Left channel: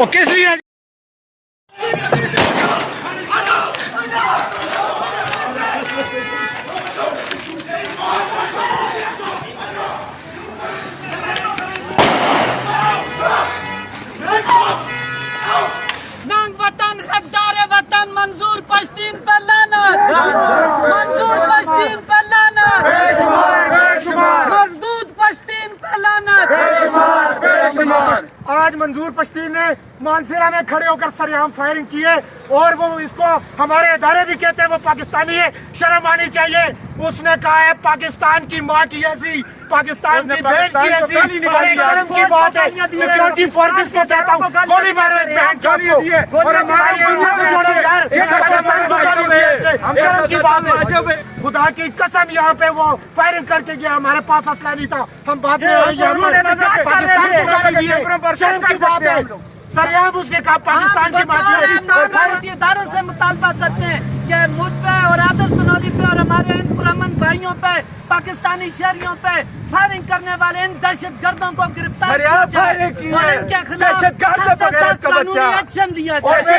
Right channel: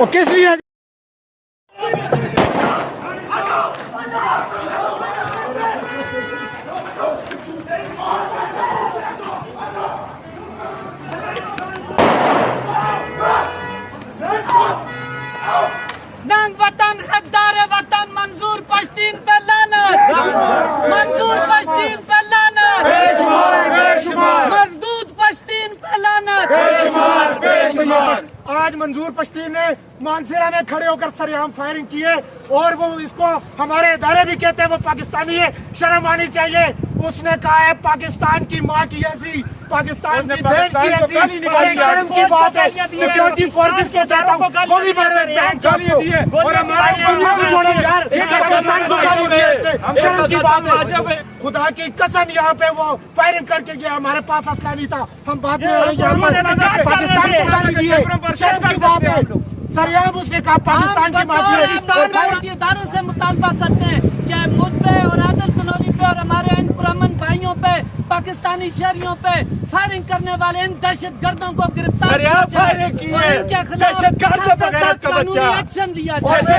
وہ کس لیے ننگ وطن غدار وطن منظور پشتین پہ لعنت منظور پشتین پہ لعنت مردود پشتین پہ لعنت آج منظور پشتین نے مانسیرا میں کھڑے ہو کر سریعام فائرنگ کی ہے اور وہ اس کو ہمارے ادارے بھی کہتے ہیں وہ پاکستانی ہے. شرم آنی چاہیے. اس نے کہا ہے پاکستان کی ماں کی ایسی پاکستان کی بہن کی ایسی. ایک شرم کی بات ہے. سیکورٹی فورسز کو کہتا ہوں گولی مارو ایک بہن چوٹ کو اور ہماری دنیا کو چھوڑو یار. پاکستان کو گالی دی ہے اس نے. شرم کی بات ہے. خدا کی قسم یہاں پہ وہ فائرنگ کر کے گیا. ہمارے پاس اسلحہ نہیں تھا. ہم بعد میں یہاں پر پاکستان کو گالی دی ہے. شرم کی بات ہے. سریعام اس نے کہا پاکستان کی ماں کی اداروں سے مطالبہ کرتے ہیں کہ مجھ پہ اور عادل تنوری پہ اور ہمارے ان پرامن بھائیوں پہ پاکستانی شہریوں پہ فائرنگ کرنے والے ان دہشت گردوں کو گرفتار ایکشن دیا جائے.